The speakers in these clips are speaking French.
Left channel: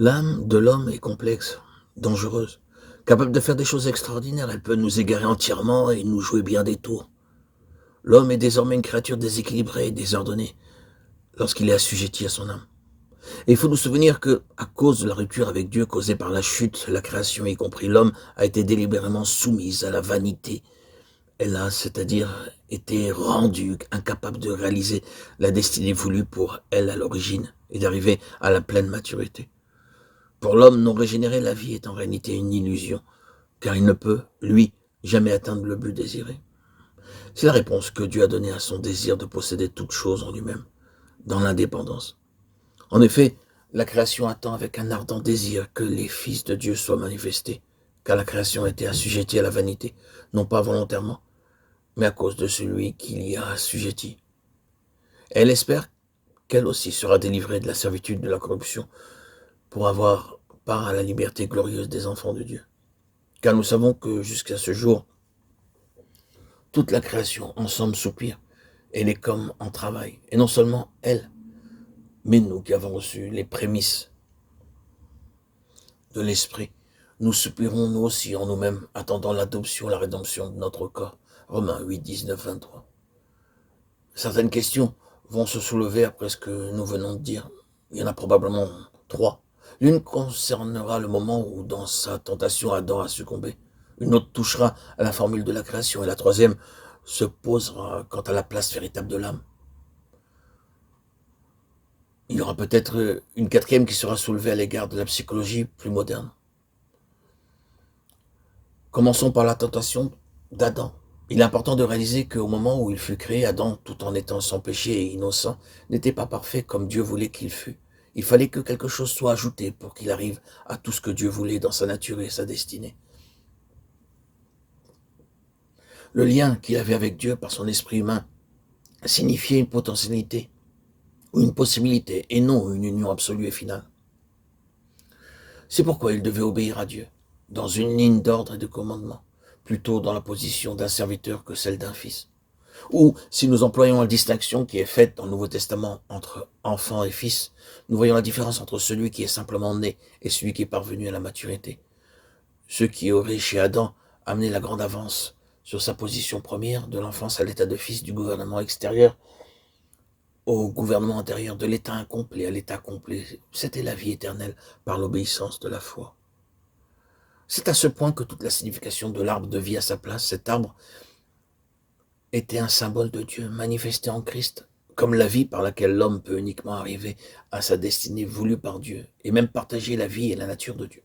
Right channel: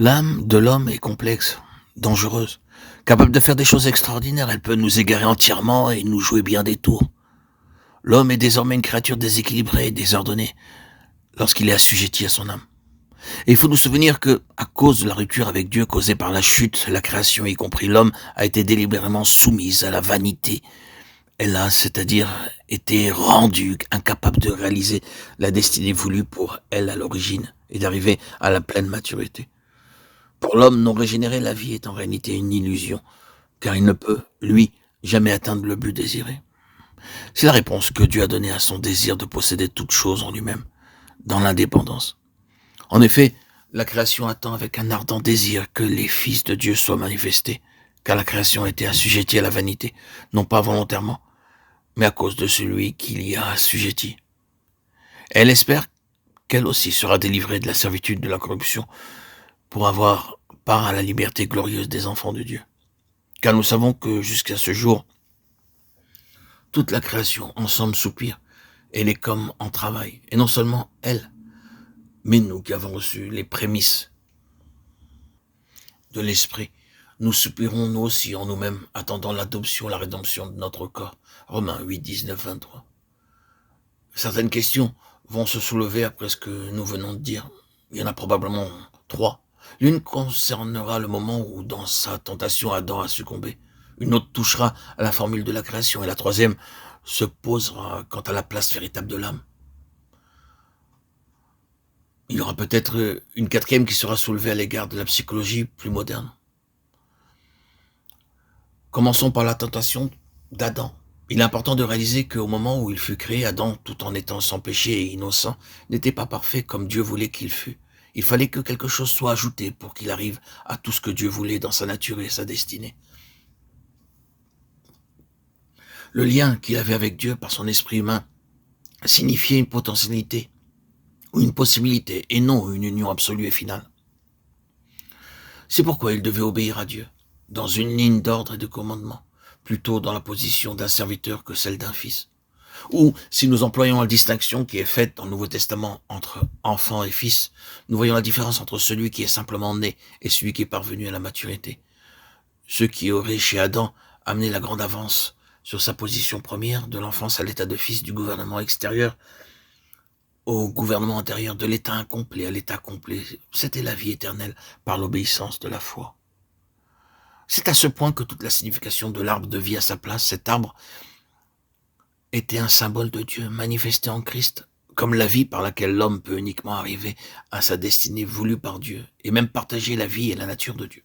L'âme de l'homme est complexe, dangereuse, capable de faire des choses extraordinaires. Elle peut nous égarer entièrement et nous jouer bien des tours. L'homme est désormais une créature déséquilibrée et désordonnée lorsqu'il est assujetti à son âme. Et il faut nous souvenir que, à cause de la rupture avec Dieu causée par la chute, la création, y compris l'homme, a été délibérément soumise à la vanité. Elle a, c'est-à-dire, été rendue incapable de réaliser la destinée voulue pour elle à l'origine et d'arriver à la pleine maturité. Pour l'homme non régénéré, la vie est en réalité une illusion, car il ne peut, lui, jamais atteindre le but désiré. C'est la réponse que Dieu a donnée à son désir de posséder toute chose en lui-même, dans l'indépendance. En effet, la création attend avec un ardent désir que les fils de Dieu soient manifestés, car la création était assujettie à la vanité, non pas volontairement, mais à cause de celui qui l'y a assujettie. Elle espère qu'elle aussi sera délivrée de la servitude de la corruption pour avoir part à la liberté glorieuse des enfants de Dieu. Car nous savons que jusqu'à ce jour, toute la création ensemble soupire, elle est comme en travail, et non seulement elle, mais nous qui avons reçu les prémices de l'Esprit, nous soupirons nous aussi en nous-mêmes, attendant l'adoption, la rédemption de notre corps. Romains 8, 19, 23. Certaines questions vont se soulever après ce que nous venons de dire. Il y en a probablement trois. L'une concernera le moment où, dans sa tentation, Adam a succombé. Une autre touchera à la formule de la création. Et la troisième se posera quant à la place véritable de l'âme. Il y aura peut-être une quatrième qui sera soulevée à l'égard de la psychologie plus moderne. Commençons par la tentation d'Adam. Il est important de réaliser qu'au moment où il fut créé, Adam, tout en étant sans péché et innocent, n'était pas parfait comme Dieu voulait qu'il fût. Il fallait que quelque chose soit ajouté pour qu'il arrive à tout ce que Dieu voulait dans sa nature et sa destinée. Le lien qu'il avait avec Dieu par son esprit humain signifiait une potentialité ou une possibilité et non une union absolue et finale. C'est pourquoi il devait obéir à Dieu, dans une ligne d'ordre et de commandement, plutôt dans la position d'un serviteur que celle d'un fils. Ou, si nous employons la distinction qui est faite dans le Nouveau Testament entre enfant et fils, nous voyons la différence entre celui qui est simplement né et celui qui est parvenu à la maturité. Ceux qui auraient, chez Adam, amené la grande avance sur sa position première, de l'enfance à l'état de fils, du gouvernement extérieur au gouvernement intérieur, de l'état incomplet à l'état complet, c'était la vie éternelle par l'obéissance de la foi. C'est à ce point que toute la signification de l'arbre de vie à sa place, cet arbre était un symbole de Dieu manifesté en Christ, comme la vie par laquelle l'homme peut uniquement arriver à sa destinée voulue par Dieu, et même partager la vie et la nature de Dieu.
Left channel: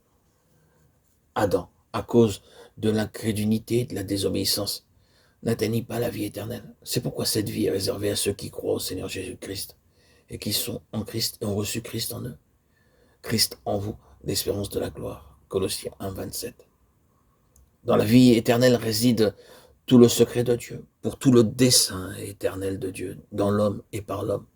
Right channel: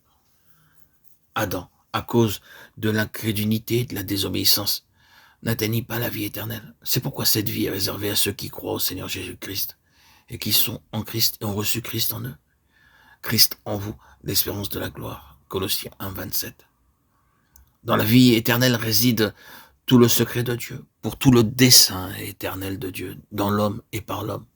Adam, à cause de l'incrédulité et de la désobéissance, n'atteignit pas la vie éternelle. C'est pourquoi cette vie est réservée à ceux qui croient au Seigneur Jésus-Christ, et qui sont en Christ et ont reçu Christ en eux. Christ en vous, l'espérance de la gloire. Colossiens 1, 27. Dans la vie éternelle réside tout le secret de Dieu, pour tout le dessein éternel de Dieu, dans l'homme et par l'homme.